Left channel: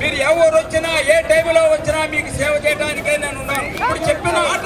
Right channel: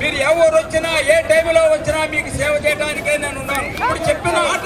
మీరు ఎవరు వచ్చినా ఏ టైంలో వచ్చినా మీకు సేవ చేయడానికే నేను ఉన్నాను. ఇప్పుడు చెప్పిన మాట